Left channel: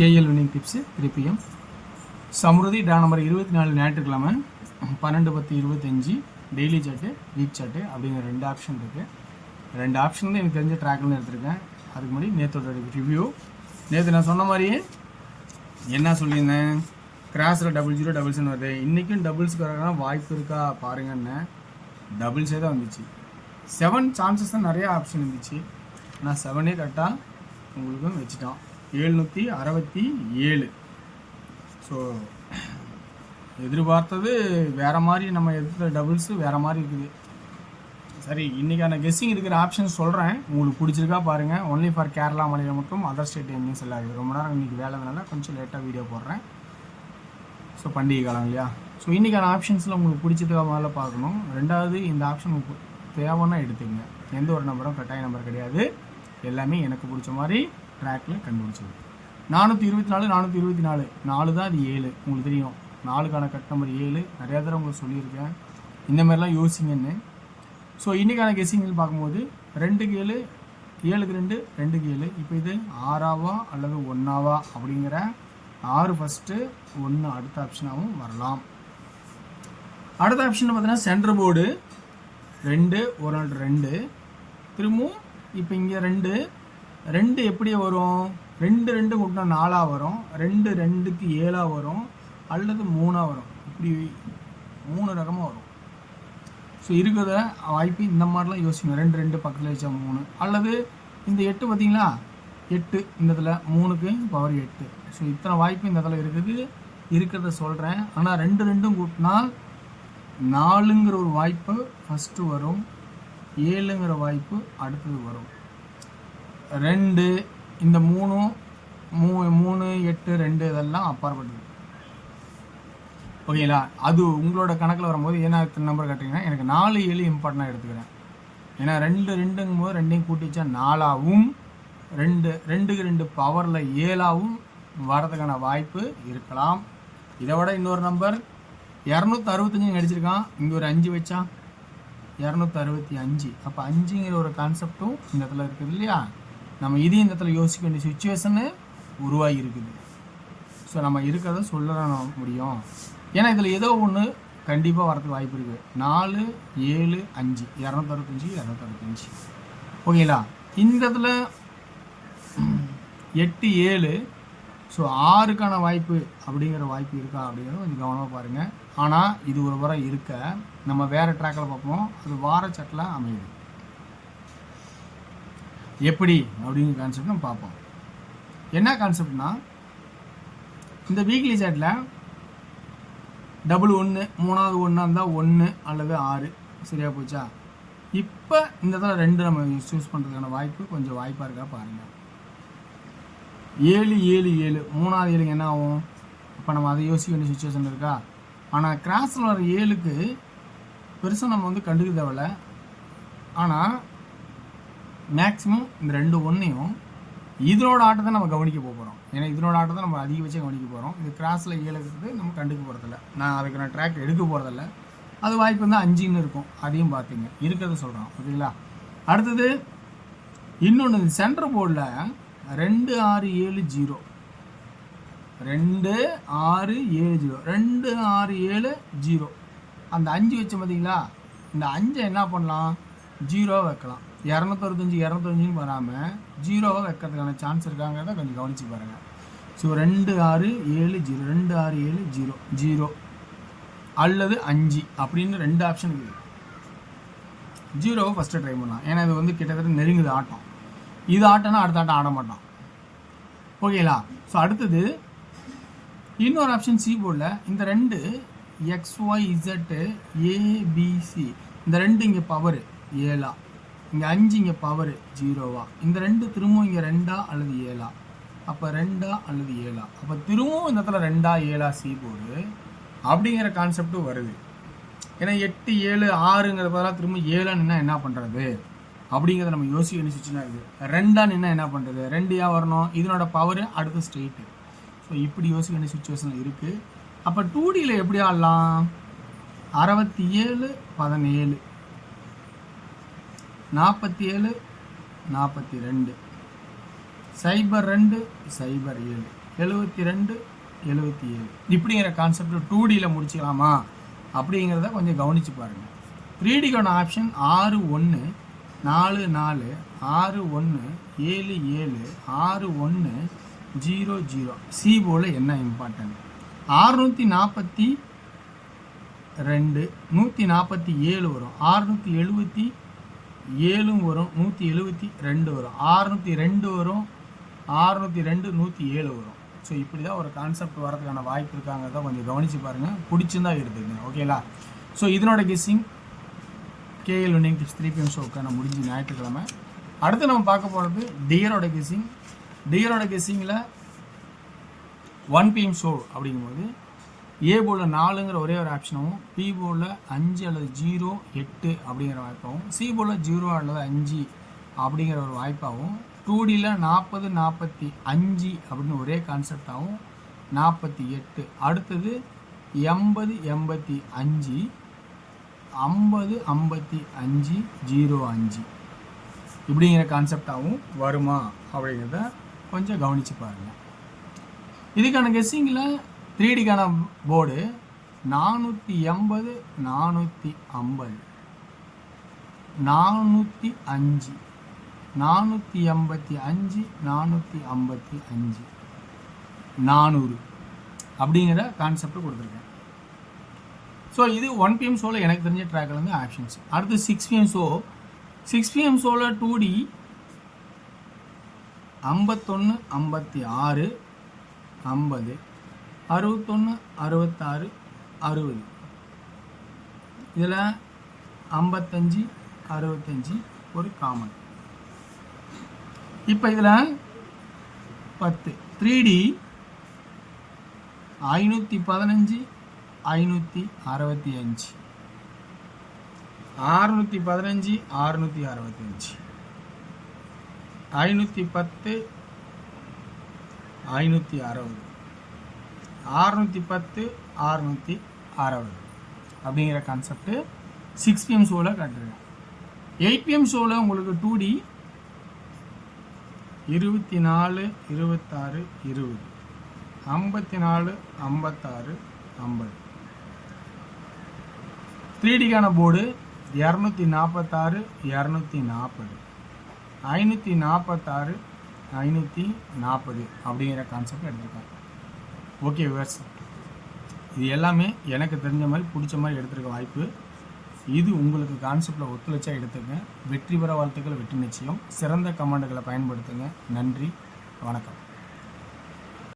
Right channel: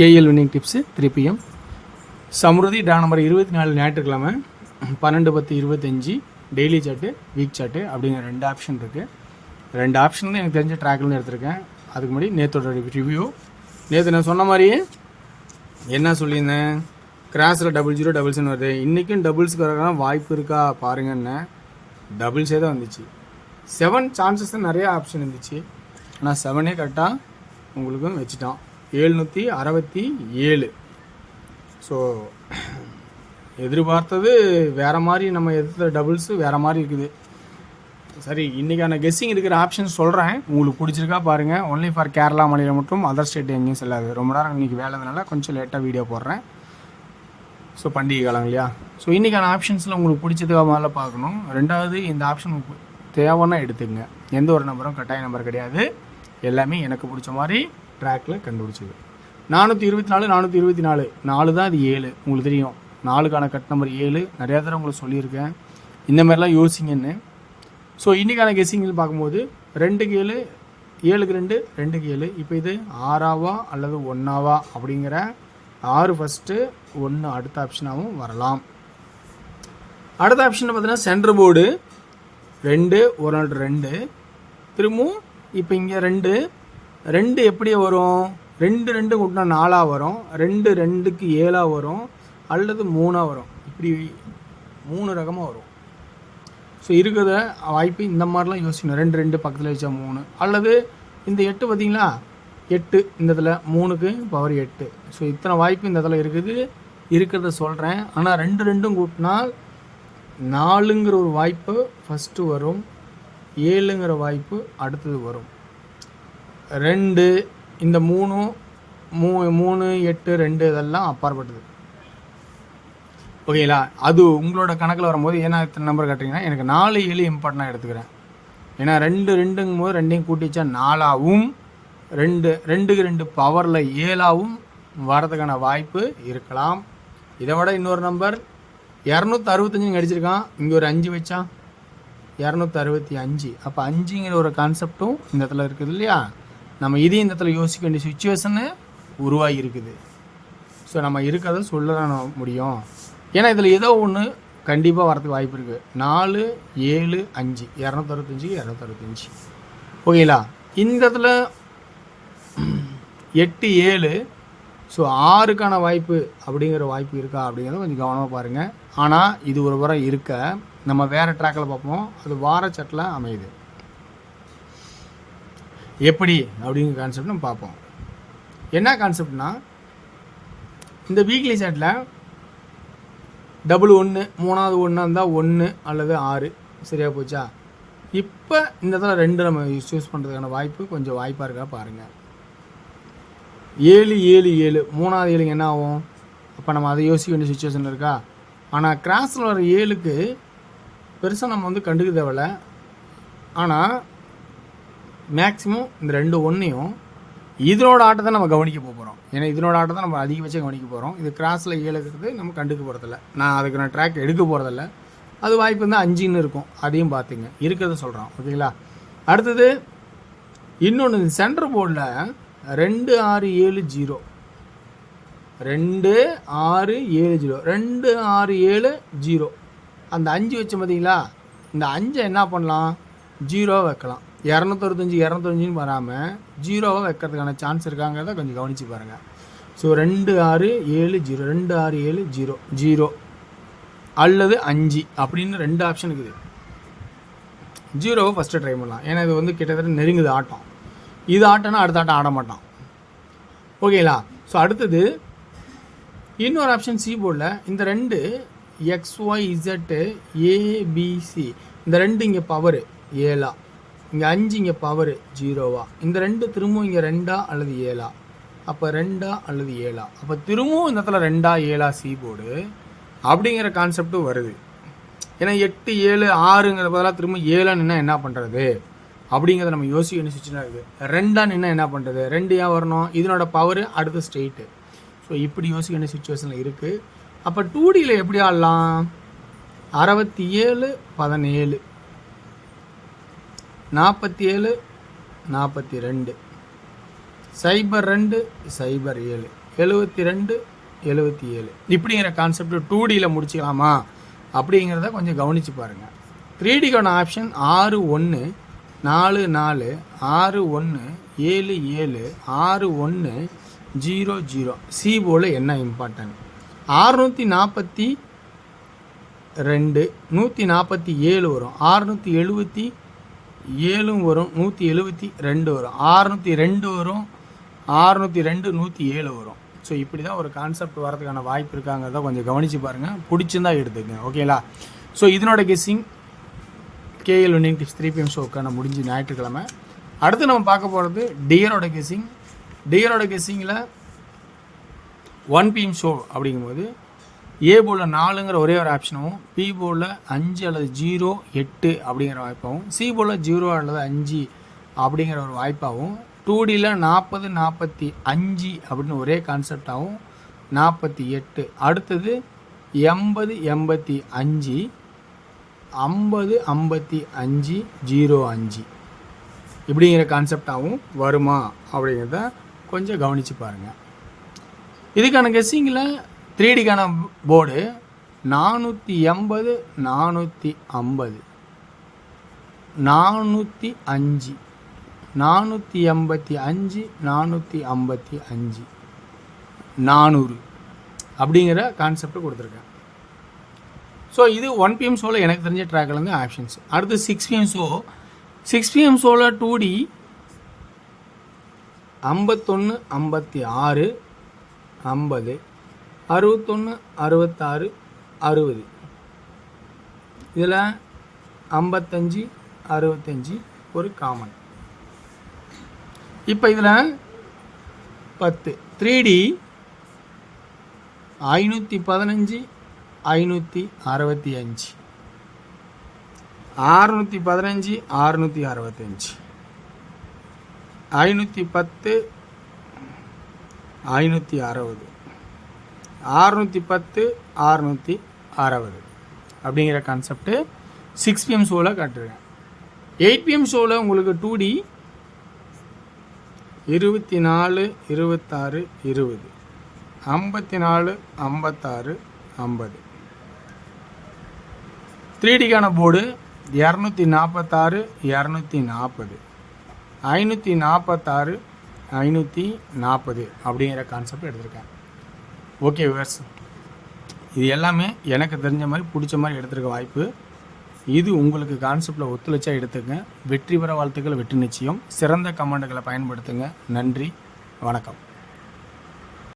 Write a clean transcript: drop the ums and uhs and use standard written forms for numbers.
KL winning tips 3 PM. Samruddhi draw number 24 ஞாயிற்றுக்கிழமை 12/10/25 daily chart week chart அப்படிங்கிற 2 option இருக்குது. 2 option தான் எனக்கு தெரிஞ்ச ட்ராக்லேருந்து எடுத்திருக்கேன். அதுக்கு முன்னாடி நேற்றோட ரிவ்யூ. நேற்று நான் சொன்ன மாதிரியே என்ன சொல்லியிருந்தேன், கிராஸில் 0000 வருது. இன்றைக்கும் டபுள்ஸ்க்கு வரக்கான வாய்ப்பு இருக்கா பாருங்கன்னு டபுள்ஸே தான் வந்துச்சு. 7 சான்சஸ் தான் நிறைய ஆப்ஷன் இருந்துச்சு. நான் 7 கரெக்டாக உங்களுக்கும் வச்சுட்டோம். 767. ஸோ எதிர்பார்த்தது வேறு மாதிரி, நம்ம எதிர்த்த டபுள்ஸு வேறு மாதிரி இருக்குது. சரி, இன்றைக்கான கெஸ்ஸிங் இருக்கிற ஆப்ஷன் சொல்கிறேன், உங்களுக்கு பிடிச்சிருக்கா பாருங்கள். ஒன்லி ஃபார் கேரளா மாநிலம் மற்றும் அதர் ஸ்டேட் எங்கேயும் செல்லாது. ரொம்ப நேரம் இன்றைக்கி வேலைனால கொஞ்சம் லேட்டாக வீடியோ போடுறேன். ஸோ பண்டிகை காலம் இல்லையா. ஸோ இன்றைக்கான ஆப்ஷன்ஸில் உங்களுக்கு பிடிச்சதுக்காக முதல்ல பார்க்கணும். ரெண்டாவது, இந்த ஆப்ஷன் தேவைன்னா எடுத்துக்கங்க. எந்த ஒரு நம்பரும் கட்டாய நம்பர் கிடையாது. எல்லாமே எனக்கு பிடிச்ச மாதிரி ட்ராக்கில் கண்டுபிடிச்சது. 424 424 4 தான். இது 7 உங்களுக்கு தெரியும். 4க்கான கட் நம்பர் 7 நிறையா தடவை உங்களுக்கு சொல்லியிருக்கேன். இந்த மாதிரிலாம் யோசிங்கன்னு. ஸோ இன்றைக்கான கெஸ்ஸிங்கில் பார்க்கும்போது 2க்கு 7 7க்கு 2 2க்கு 7. இப்போ இது 6ஆவா அல்லது 1ஆவா அப்படிங்கிற 6 ஃபஸ்ட்டு 1 அடுத்த ஆப்ஷனாகவும் வரலாம். அடுத்த ஆப்ஷன் பார்த்தீங்கன்னா சென்டர் போர்டு 2 ஒரு நாள் 2 திரும்பவும். இப்போ இங்கே 2 எப்படி வரும்? 2 2 கூட்டினா 4ஆக வரும். 2 2க்கு 7ஆக வரும் அல்லது 3ஆக வரும். இப்படி 3 ரகமாக வரும். ஸோ இருக்கிறத வாய்ப்பு இந்த மாதிரிலாம் யோசிக்கணும். 2 2 பக்கத்தில் வச்சா 3 அல்லது இந்த 8 பார்த்தீங்களா, 8 இந்த இதில் 3க்கு பவர் 8. ஸோ இத்தனை வாய்ப்பு இந்த இதில் இருக்கிறத சொல்கிறேன். ஆனால் 2 2 கூட்டினால் 4ங்கிற ஒரு வாய்ப்பு ஃபஸ்ட்டு வரும், 7ங்கிற வாய்ப்பு அடுத்தது வரும். 2 இந்த 3 8 2 இதெல்லாம் அப்பாற்பட்டது. ஓகேங்களா. அது உங்களோட கணக்கில் வரும்போது ஏன்னா இத்தனை நம்பர் கட்டுறீங்கன்னா எனக்கு 4 7 இம்பார்ட்டண்டாக எடுத்துக்கிறேன். ஏன்னா 2 2ங்கும் போது 2ஐயும் கூட்டிச்சா 4ஆகவும் 2க்கு 2 பவரில் 7ஆகவும் வரதுக்கான வாய்ப்பு இருக்கலாம். இதை விட இன்னொரு நம்பர் 265 அடிச்சிருக்கான். இங்கே ஒரு 5 வச்சான் 265. அப்போ 5ங்கிற ஒரு கான்செப்டும் இந்த இடத்துல இருக்குது இல்லையா. நம்ம இதையும் இந்த இடத்துல யோசிக்க வேண்டிய சுச்சுவேஷனு உருவாகி இருக்குது. ஸோ நம்ம இருக்கிறத சொல்ல முடியும். ஏன்னா இதில் ஏதோ ஒன்று கண்டிப்பாக வரதுக்கு வாய்ப்பு இருக்குது. 4 7 5 265 265. ஓகேங்களா. இந்த இடத்துல 8 7. ஸோ 6க்கான வாய்ப்பு அப்படிங்கிற வாய்ப்பு இருக்கா அப்படிங்கிறத கொஞ்சம் கவனமாக பாருங்கள். ஆனால் இது ஒரு வாரம் இருக்க நம்ம வேறு ட்ராக்கில் பார்ப்போம். அது வார சட்டில் அமையுது. எப்படி அப்படிங்கிற கான்செப்ட் நம்ம பார்ப்போம். என்ன கான்செப்ட்னா, இந்த வீக்லி சாட்டில் டபுள் 1 3வது 1 இருந்தால் 1 அல்லது 6 சரியாக போச்சா. இப்போ இந்த இடத்துல 2 நம்ம சூஸ் பண்ணுறதுக்கான வாய்ப்பு கொஞ்சம் வாய்ப்பாக இருக்கா பாருங்கள். 7 7 7 3வது 7க்கு என்ன ஆகும்? அப்போ நம்ம அதை யோசிக்க வேண்டிய சுச்சுவேஷன் இருக்கா. ஆனால் கிராஸில் வர 7க்கு பெருசாக நம்ம கண்டுக்க தேவையில்ல. ஆனால் மேக்ஸிமம் இந்த 2 1ஐயும் இதனோட ஆட்டத்தை நம்ம கவனிக்க போகிறோம். ஏன்னா இதனோட ஆட்டத்தை நம்ம அதிகபட்சம் கவனிக்க போகிறோம். இது கிராஸில் 7 இருக்கிறது நம்ம கண்டுக்க போகிறதில்ல. நான் ட்ராக் எடுக்க போகிறதில்ல. அது வாய்ப்பு இருந்தால் 5ன்னு இருக்கும். அதையும் பார்த்துங்க, இருக்கிறத சொல்கிறோம். ஓகேங்களா. அடுத்தது இன்னொன்று, சென்டர் போர்டில் 2 6 7 0 2 6 7 0 2 6 7 0. அந்த 5 வச்சு பார்த்தீங்களா, இந்த 5 என்ன பண்ணலாம், 0 வைக்கலாம். 265 265 வராமல் 0 வைக்கிறதுக்கான சான்ஸ் இருக்காங்கிறத கொஞ்சம் கவனித்து பாருங்கள். ஸோ 2 6 7 0 2 6 7 0 0 அல்லது 5 அப்படின்னு 2 ஆப்ஷன் இருக்குது. 0வை ஃபஸ்ட்டு ட்ரை பண்ணலாம். ஏன்னா இது கிட்டத்தட்ட நெருங்குது ஆட்டம். இது ஆட்டம்னா அடுத்த ஆட்டம் ஆட மாட்டான். ஓகேங்களா. ஸோ அடுத்தது இன்னொரு ஆப்ஷன் சி போர்டில் இந்த 2 XYZ ABC. இந்த 2 இங்கே பவர் 7, இங்கே 5 இங்கே பவர் 0. இந்த 2 திரும்பவும் இங்கே 2 அல்லது 7. அப்போ 2 அல்லது 7. அப்போ திரும்பவும் இந்த இடத்துல 2 7 சி போர்டு அப்படிங்கிற கான்செப்டும் வருது. ஏன்னா 8 7 6ங்கிற பதிலாக திரும்ப 7 என்ன பண்ணுறது அப்படிங்கிறத நம்ம யோசிக்க வேண்டிய சுச்சுவேஷனாக இருக்குது. 2 என்ன பண்ணுறது, 2 ஏன் வரணும், இதனோட பவர் அடுத்த ஸ்டேட்டு. ஸோ இப்படி யோசிக்க வேண்டிய சுச்சுவேஷனில் இருக்குது. அப்போ 2Dயில் எப்படி ஆடலாம், 67 17 47 42 02 07 72 77 இப்படிங்கிற கான்செப்ட் 2Dயில் முடிச்சிக்கலாமா அப்படிங்கிறத கொஞ்சம் கவனித்து பாருங்கள். 3Dக்கான ஆப்ஷன் 6 1 4 4 6 1 7 7 6 1 0 0. சி போர்டில் என்ன இம்பார்ட்டன்ட் 642 147 வரும், 677 வரும், 172 வரும், 602 வரும், 602 107 வரும். ஸோ இப்படி தான் ஒரு கான்செப்ட் வரதுக்கான வாய்ப்பு இருக்காங்கிறத கொஞ்சம் கவனித்து பாருங்கள். பிடிச்சிருந்தா எடுத்துக்கங்க. ஓகேங்களா? ஸோ இதனோட guessing KL winning tips 3 PM ஷோக்கான முடிஞ்சு ஞாயிற்றுக்கிழமை. அடுத்து நம்ம பார்க்க போகிறது டியரோட கெஸ்ஸிங். டியரோட கெஸ்ஸிங்கில் 1 PM ஷோ அப்படிங்கும்போது ஏ போர்டில் 4ங்கிற ஒரே ஒரு ஆப்ஷனும், பி போர்டில் 5 அல்லது 0 8 அப்படிங்கிற வாய்ப்பாகவும், சி போர்டில் 0 அல்லது 5 அப்படிங்கிற ஒரு வாய்ப்பாகவும், 2Dயில் 40 45 அப்படின்னு ஒரே கான்செப்டாகவும் 48, அடுத்தது 80 85 50 55 05 இப்படிங்கிற கான்செப்டாகவும் வருமா அப்படிங்கிறத கொஞ்சம் கவனித்து பாருங்கள். இதுக்கான கெஸ்ஸிங்கில் 3Dக்கான போர்டு 480 450 405 485 455 400 அப்படிங்கிற கான்செப்ட் கொடுத்துருக்கேன். ஸோ இது 1 PM ஷோவில் எனக்கு தெரிஞ்ச ட்ராக்லேருந்து ஆப்ஷன்ஸ். அடுத்து 6 PM ஷோ. 6 PM ஷோவில் 2D 51 56 50 61 66 60 இதில் 55 65 ஒரு காமன். இப்போ இதில் 10 3D 515 565 615 665 510 560 610 660 அப்படிங்கிற கான்செப்ட் 6 PM ஷோவில் காட்டுறேன். 8 PM ஷோவில் உங்களுக்கு 2D 24 26 20 54 56 50. 3Dக்கான போர்டு 246 240 546 540 அப்படிங்கிற கான்செப்ட் எடுத்திருக்கேன். ஓகே விவர்ஸ், இது எல்லாமே எனக்கு தெரிஞ்ச மாதிரி பிடிச்ச மாதிரி எடுத்துருக்க வாய்ப்பு. இது உங்களுக்கு கான்செப்டில் ஒத்துழைச்சா எடுத்துங்க. வெற்றி பெற வாழ்த்துக்கள், வெற்றி நிச்சயம். சிறந்த கமெண்ட்டுகளை பயன்படுத்துங்க. நன்றி, வணக்கம்.